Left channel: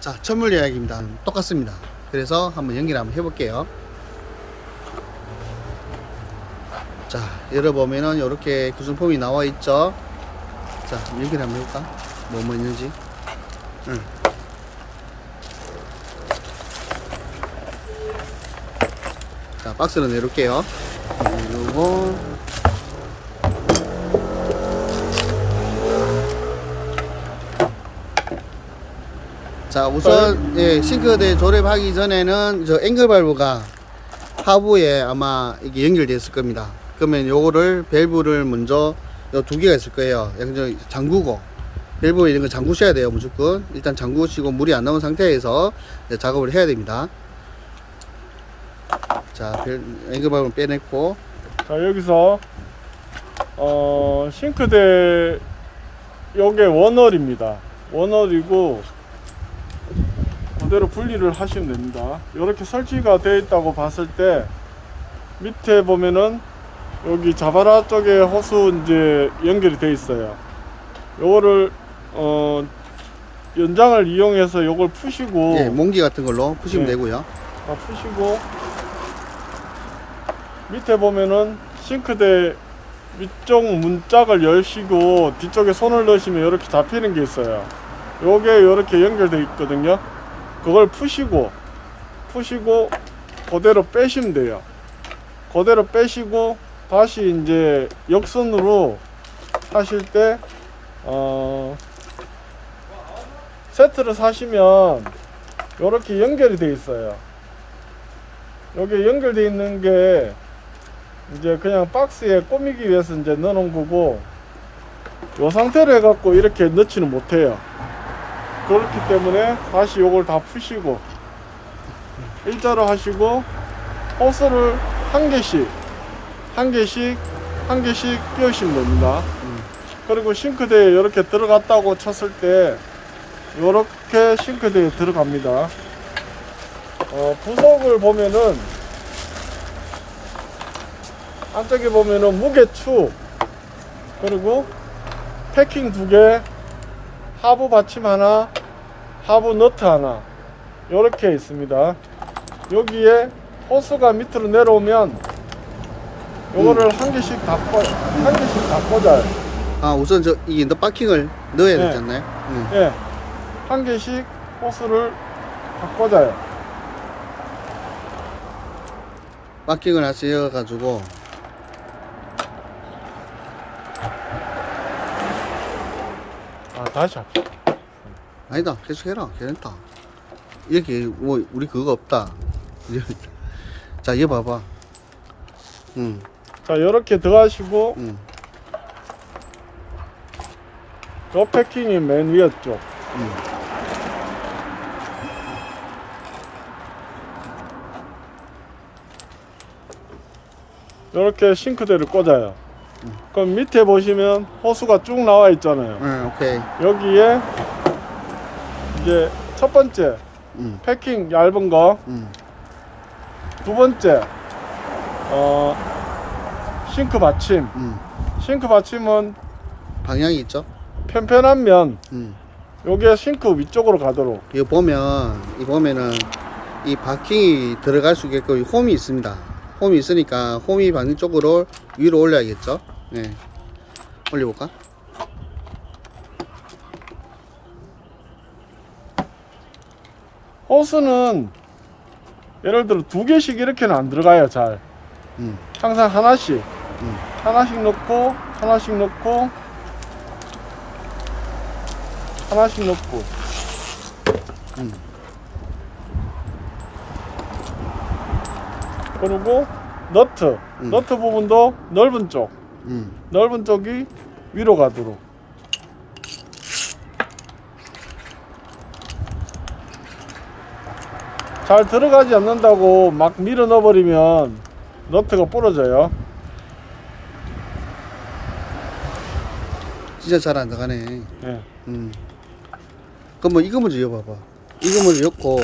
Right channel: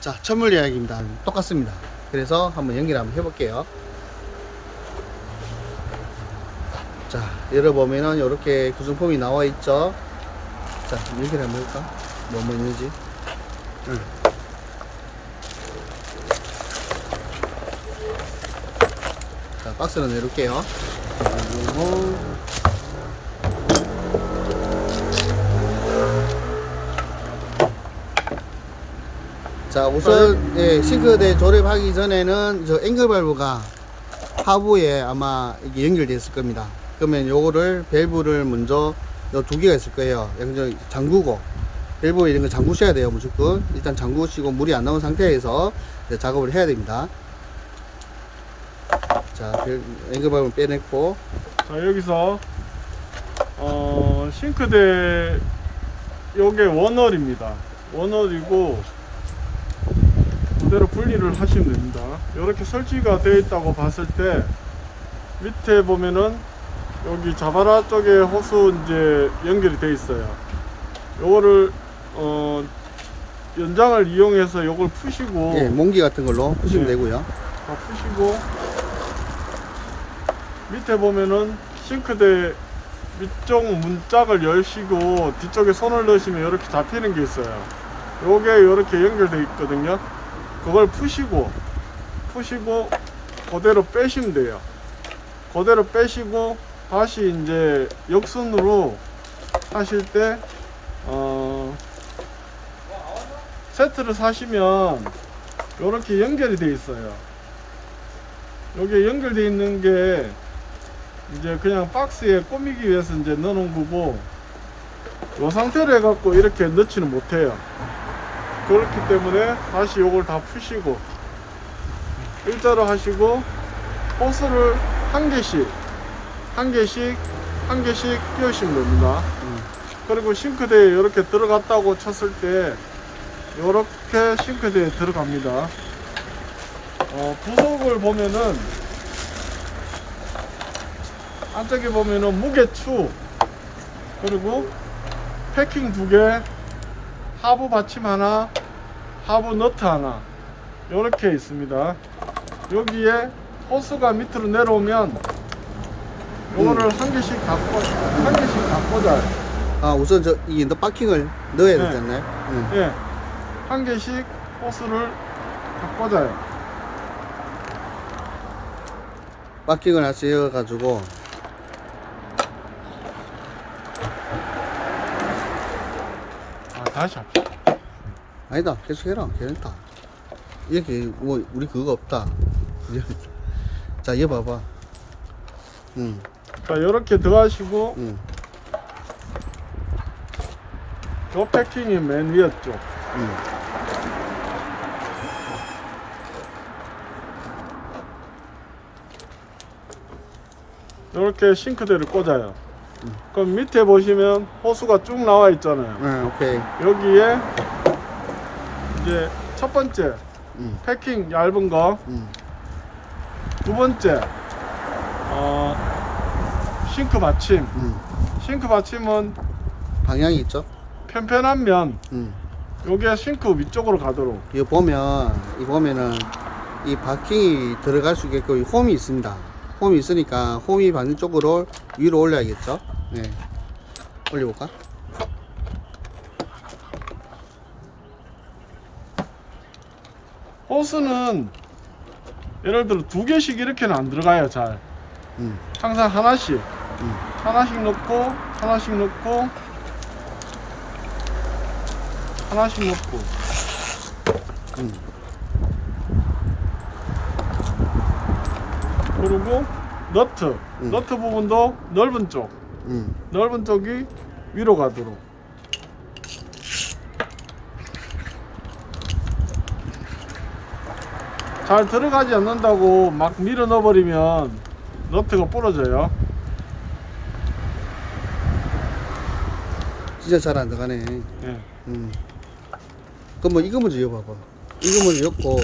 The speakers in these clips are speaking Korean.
자, 천물 이야기입니다. 똑같습니다. 그래서 한번 연기를 한번 해볼게요. 자, 열어보면은 이렇게 구성품이 나와 있죠. 자, 연기를 한번 해볼까? 뭐, 뭐 있는지. 응. 자, 박스는 내놓을게요. 그리고 자 우선 예, 싱크대 조립하기 전에는 저 앵글 발브가 하부에 아마 이게 연결되어 있을 겁니다. 그러면 요거를 밸브를 먼저 요 두 개가 있을 거예요. 양저 잠그고 밸브 이런 거 잠그셔야 돼요 무조건. 일단 잠그시고 물이 안 나온 상태에서 작업을 해야 됩니다. 자 밸- 앵글 발브 빼냈고. 자 여기서 어 싱크대 요게 원월입니다. 원월이고 그대로 분리를 하시면 됩니다 이렇게 설치가 되어 있다고 봤을 때 밑에 보면은 여기 자바라 쪽에 호수 이제 연결이 되어 있어요 요거를 어 연장을 이용해서 요걸 푸시고 예, 몽기 같은 걸로 푸시면 네. 되고요 다 푸시고 밑에 보면은 싱크대 위쪽 문짝을 열시고 뒤쪽에 손을 넣으시면 이렇게 잡히는 게 있어요. 요게 이렇게 연결되어 있거든요. 그걸 푸시고 푸시고 그대로 빼시면 돼요. 그대로 빼시고 다시 이제 역선으로 하실 때 어, 세트를 사시면 이렇게 연결이 돼 있어요. 여기 연결돼 있는 게 이제 그냥 박스에 꾸미기 위해서 이제 넣어놓은 거고 요 상태로 해갖고 이렇게 넣지는 못해요 그렇기 때문에 다시 요걸 다 푸시고 일자로 하시고 호스를 한 개씩 한 개씩 한 개씩 끼우시면 됩니다 음. 그리고 싱크대에 이렇게 들어갔다고 쳤을 때 이렇게 싱크대에 들어갑니다 어, 부속을 보면은 안쪽에 보면은 무게추 그리고 패킹 두개 하부 받침 하나 하부 너트 하나. 이렇게 있습니다. 여기에 호스가 밑으로 내려오면 요거를 한 개씩 다 꽂- 한 개씩 다 꽂아요. 아 우선 저 이게 너 파킹을 넣어야 네. 되지 않나요? 네. 예, 한 개씩 호스를 다 꽂아요. 파킹을 하셔 가지고. 아, 다시 합시다 아니다 계속 해라. 괜찮다. 이렇게 뭐 우리 그거 없다. 자 이거 봐봐. 응, 자 이렇게 들어가시고 응, 그 패킹이 맨 위에 쪽 응. 이렇게 싱크대를 꽂아요. 음. 그럼 밑에 보시면 호스가 쭉 나와 있잖아요. 응, 오케이. 여기에 이제 첫 번째 응, 패킹 얇은 거. 응, 두 번째 어 싱크 받침. 응. 싱크 받침은 방향이 있죠? 편편한 면. 응. 요게 싱크 위쪽으로 가도록. 이거 보면 이 보면은 이 바킹이 들어갈 수 있게끔 홈이 있습니다. 홈이 있으니까 홈이 반대쪽으로 위로 올려야겠죠? 네. 올려볼까 호스는 예를 들어 두 개씩 이렇게는 안 들어가요 잘 응, 항상 하나씩 응. 하나씩 넣고 하나씩 넣고 하나씩 넣고 응. 그리고 너트 음. 너트 부분도 넓은 쪽 응. 넓은 쪽이 위로 가도록 잘 들어가지 않는다고 막 밀어 넣어버리면 너트가 부러져요 진짜 잘 안 들어가네 네. 음. 그럼 뭐 이거 먼저 여봐봐. 이거 먼저 엮고,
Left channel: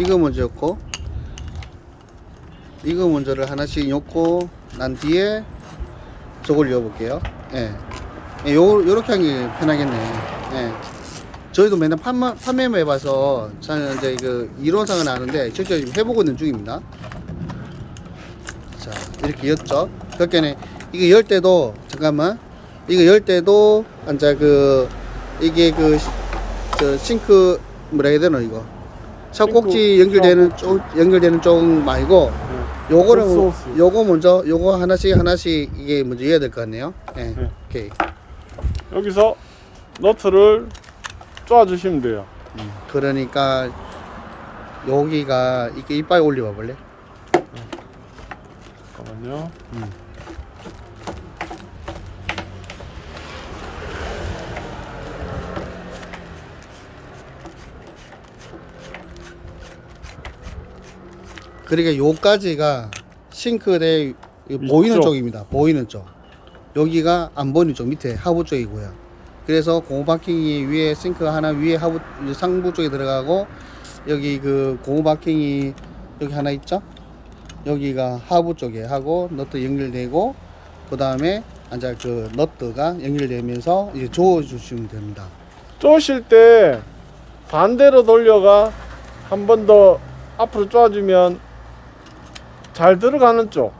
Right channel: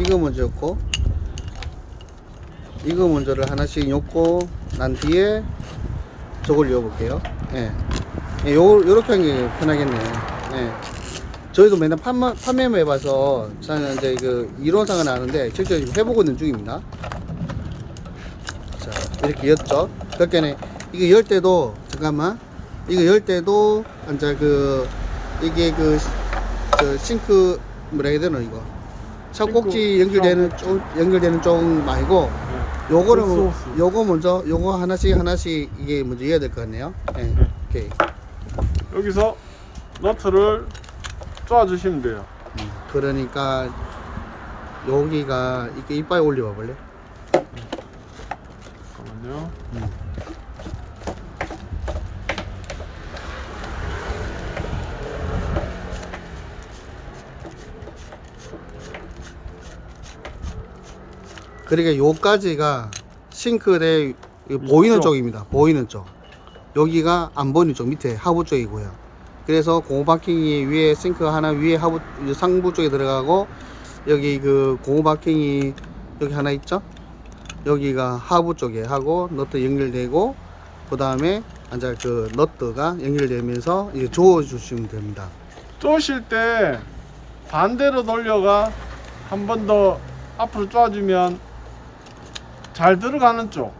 이거 먼저 엮고, 이거 먼저를 하나씩 엮고, 난 뒤에 저걸 여볼게요. 예. 예, 요, 요렇게 하는 게 편하겠네. 예. 저희도 맨날 판매, 판매만 해봐서 저는 이제 그 이론상은 아는데 실제 지금 해보고 있는 중입니다. 자 이렇게 였죠. 그렇게는 이거 열 때도 잠깐만 이거 열 때도 이제 그 이게 그저 싱크 뭐라 해야 되나 이거 차 꼭지 연결되는 쪽 연결되는 쪽 말고 네. 요거를 소스. 요거 먼저 요거 하나씩 하나씩 이게 먼저 해야 될 것 같네요. 예. 네. 오케이. 여기서 너트를 쪼아주시면 돼요. 그러니까 여기가 이게 이빨 올려봐 볼래? 잠깐만요. 그러니까 요까지가 싱크대 이 보이는 이쪽. 쪽입니다. 보이는 쪽. 여기가 안 보이는 쪽 밑에 하부 쪽이고요. 그래서 공호 바킹이 위에 싱크 하나 위에 하부 상부 쪽에 들어가고 여기 그 공호 바킹이 여기 하나 있죠? 여기가 하부 쪽에 하고 너트 연결되고 그 다음에 이제 그 너트가 연결되면서 이제 조어 주시면 됩니다. 쪼실 때 반대로 돌려가 한 번 더 앞으로 쪼아주면 잘 들어가는 쪽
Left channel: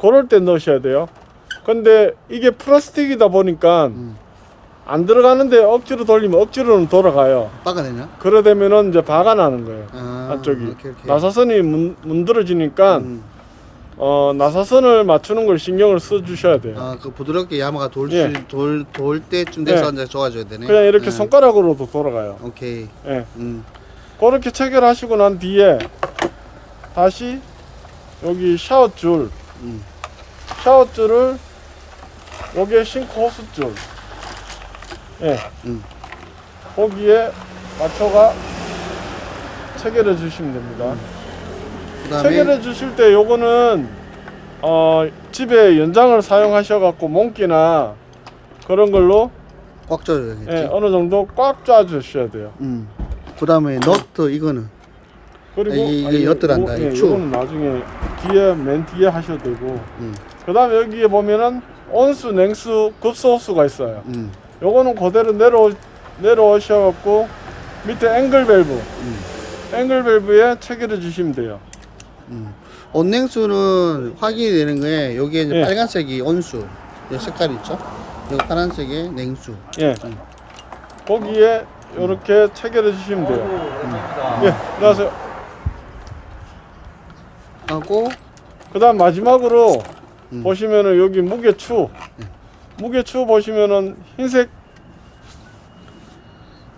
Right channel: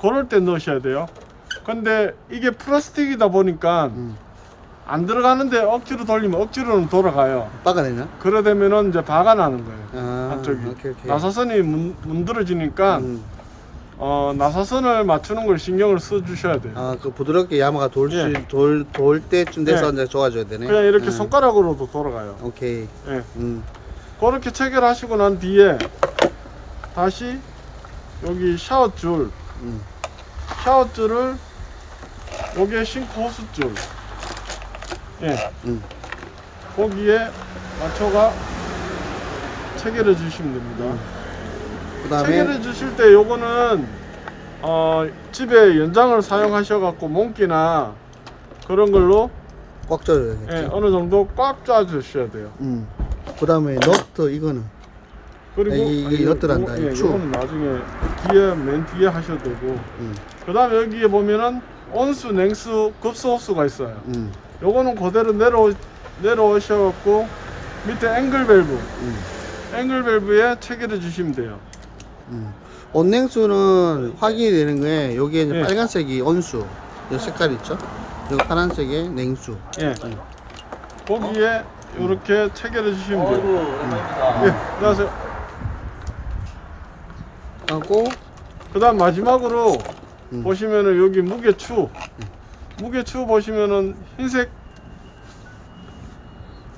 그럴 때 넣으셔야 돼요 근데 이게 플라스틱이다 보니까 음. 안 들어가는데 억지로 돌리면 억지로는 돌아가요 빠가되나? 그러되면은 이제 바가 나는 거예요 아, 안쪽이 오케이 오케이. 나사선이 문, 문드러지니까 음. 어, 나사선을 맞추는 걸 신경을 써 주셔야 돼요 아, 그 부드럽게 야마가 돌, 예. 수, 돌, 돌 때쯤 돼서 네. 이제 좋아져야 되네. 그냥 이렇게 예. 손가락으로도 돌아가요 오케이. 예. 음. 그렇게 체결하시고 난 뒤에 다시 여기 샤워 줄 음. 샤워 줄을 여기에 싱크 호스 줄 예 음. 거기에 맞춰가 체결해 주시면 됩니다 그다음에 체결해 주실 때 요거는 어, 집에 연장을 사용하셔 갖고 몽기나 그런 걸로 꽉 조여야겠지. 예, 어느 정도 꽉 짜 주셔야 돼요 음. 그다음에 너트 이거는 그리고 이게- 이게 아니, 엿들한다, 이 예, 추. 나중에 뒤에 맨 뒤에 하셔도 되고 음. 그 다음에 여기에 보면은 온수, 냉수, 급소호수가 있어요. 음. 요거는 그대로 내려 내려오셔갖고 밑에 앵글 밸브, 음. 앵글 밸브에 체결해 주시면 돼요. 음. 온냉수는 확인이 되는 거에 여기에 이제 예. 빨간색이 온수. 여 색깔 있죠? 여기 파란색이 냉수. 예. 음. 거기에 이렇게 체결해 주시면 돼요. 음. 예, 안녕하세요. 하고 그다음 마지막으로 음. 보시면은 여기 무게추, 무게추 보시면은 흰색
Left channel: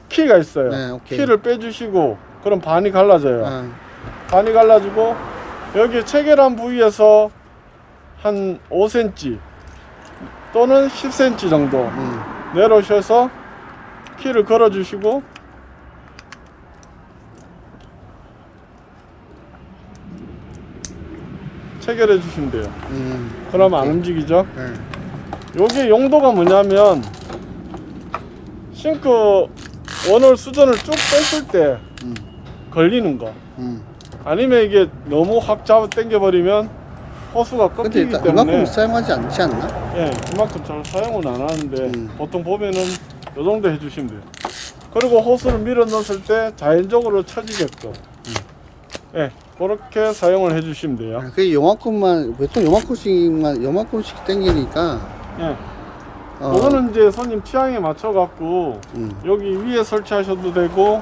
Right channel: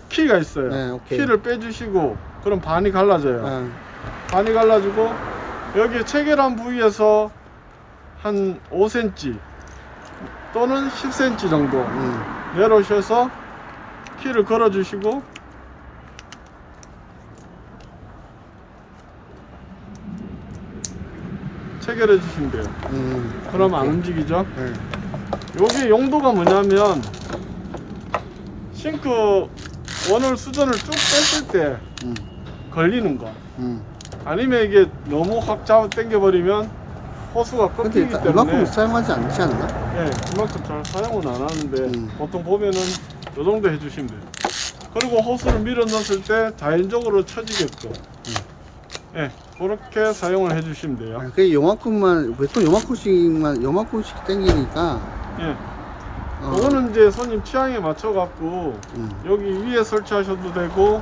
키가 있어요. 네, 오케이. 키를 빼주시고 그럼 반이 갈라져요. 아, 반이 갈라지고 여기 체결한 부위에서 한 5cm 또는 10cm 정도 음. 내려오셔서 키를 걸어 주시고 체결해 주시면 돼요. 음. 그럼 안 오케이. 움직이죠. 예. 여기 용도가 뭐냐면 싱크 원을 수전을 쭉 뺐을 때 음. 걸리는 거 음. 아니면 이게 너무 확 잡아 당겨버리면 호스가 근데 끊기기 일단 이만큼 사용하지 않지 않나? 예, 그만큼 잘 사용은 안 하는데 음. 보통 보면은 요 정도 해주시면 돼요 그리고 호스를 밀어 넣었을 때 자연적으로 쳐지게끔 음. 예, 그렇게 사용을 해주시면 돼요 아, 그 요만큼만 보통 요만큼씩만 요만큼씩 당기니까 예, 어, 이거는 이제 손님 취향에 맞춰 갖고 음. 여기 위에 설치하셔도 되고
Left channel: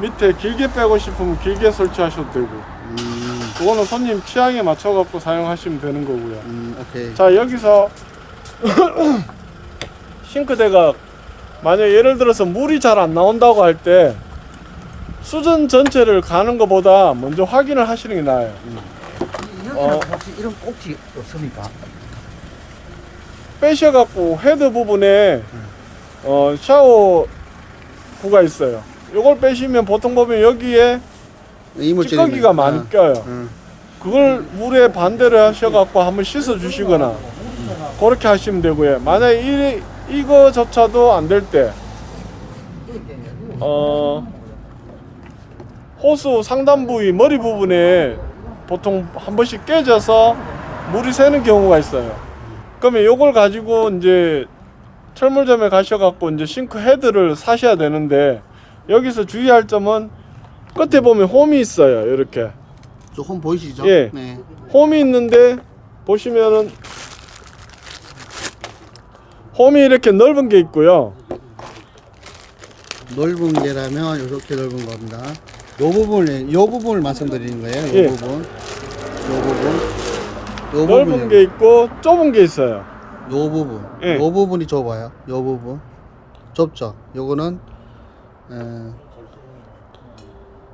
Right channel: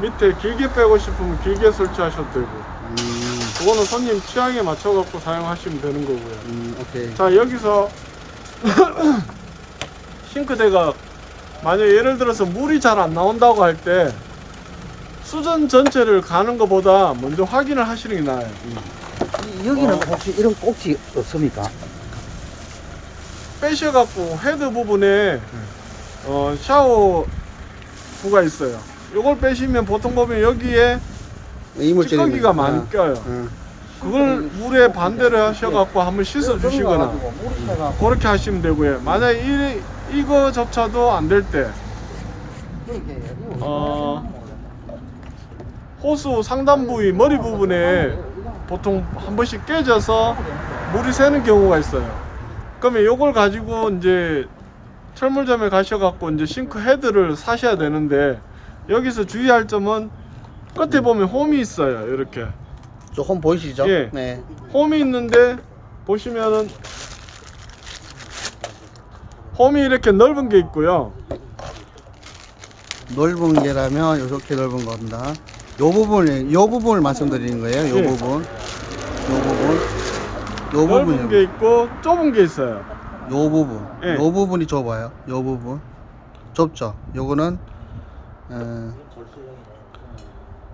밑에 길게 빼고 싶으면 길게 설치하셔도 되고 음, 그거는 손님 취향에 맞춰 갖고 사용하시면 되는 거고요 음, 오케이. 자 여기서 싱크대가 만약 예를 들어서 물이 잘 안 나온다고 할 때 수전 전체를 가는 것보다 먼저 확인을 하시는 게 나아요 여기는 어. 혹시 이런 꼭지 없습니까? 빼셔갖고 헤드 부분에 어, 샤워부가 있어요. 이걸 빼시면 보통 보면 여기에 이물질이 찌꺼기가 많이 껴요. 어, 그걸 물에 반대로 하셔갖고 한번 씻어 주시거나 그렇게 하시면 되고요. 만약에 이, 이거조차도 안 될 때 어, 호수 상단 부위 머리 부분에 보통 한 번씩 깨져서 물이 새는 경우가 있어요. 그러면 이걸 가지고 이제 철물점에 가셔갖고 이제 싱크 헤드를 사셔야 되는데 여기서 주의할 점은 끝에 보면 홈이 있어요. 이렇게 조금 보이시죠? 예. 네. 홈이 있는데 보시면은 홈이 이렇게 넓은 게 있고요. 넓은 게라면 이렇게 넓은 겁니다. 요 부분을 요 부분을 말씀드리는 거예요. 요 예. 부분, 요 부분, 요 넓은 부분이요. 게 있고 좁은 게 있어요. 요 부분, 예. 요 부분이 좁아요. 요 부분 좁죠. 요거는 어,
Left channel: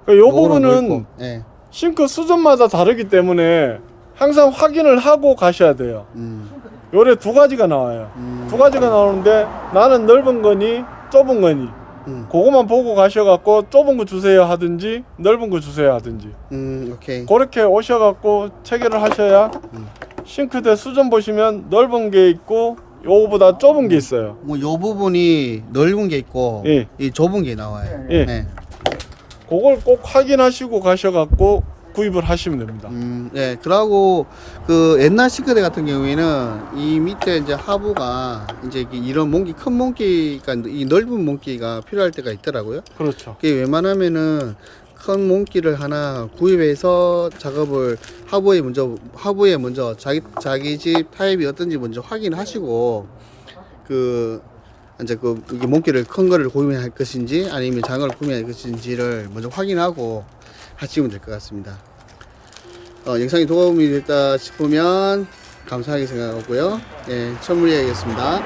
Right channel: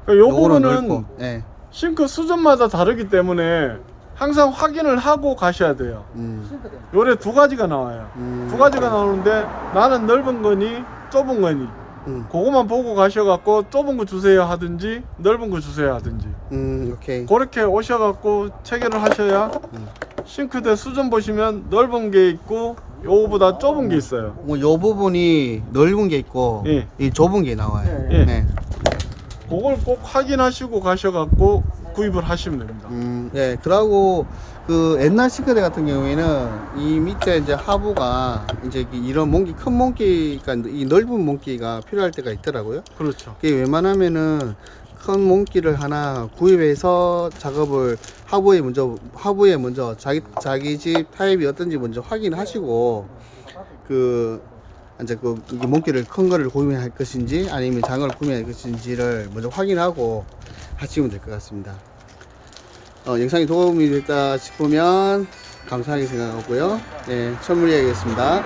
그요 요거는 부분은 넓고, 예, 싱크 수준마다 다르기 때문에 항상 확인을 하고 가셔야 돼요. 음, 요래 두 가지가 나와요. 음, 두 가지가 나오는데 나는 넓은 거니 좁은 거니 음, 그거만 보고 가셔갖고 좁은 거 주세요 하든지 넓은 거 주세요 하든지 음, 오케이. 그렇게 오셔갖고 체결을 하셔야 음. 싱크대 수준 보시면 넓은 게 있고 요거보다 좁은 게 있어요. 뭐 요 부분이 넓은 게 있고 예. 이 좁은 게 나와요. 예. 네. 그걸 꼭 확인하시고 가셔갖고 구입을 하시면 됩니다. 음, 네. 그러고 그 옛날 싱크대 같은 경우에는 이 밑에 이제 하부가 이제 이- 이런 몽기 큰 몽기가 이 넓은 몽기가 필요할 때가 있더라고요. 그렇죠. 그게 웬만하면은 큰 몽기를 하나 구입해서 작업을 하부에 먼저 하부에 먼저 자기 자기 집 타입이 어떤지 먼저 확인하시고 그 이제 그 이게 몽기를 큰 거를 구매할 것인지 아니면 작은 걸 구매할 것인지를 먼저 확인하고 하시면 될 것 같습니다. 어, 영상이 도움이 됐다 싶으면 감사하게 생각하고요. 예, 천물이야겠습니다.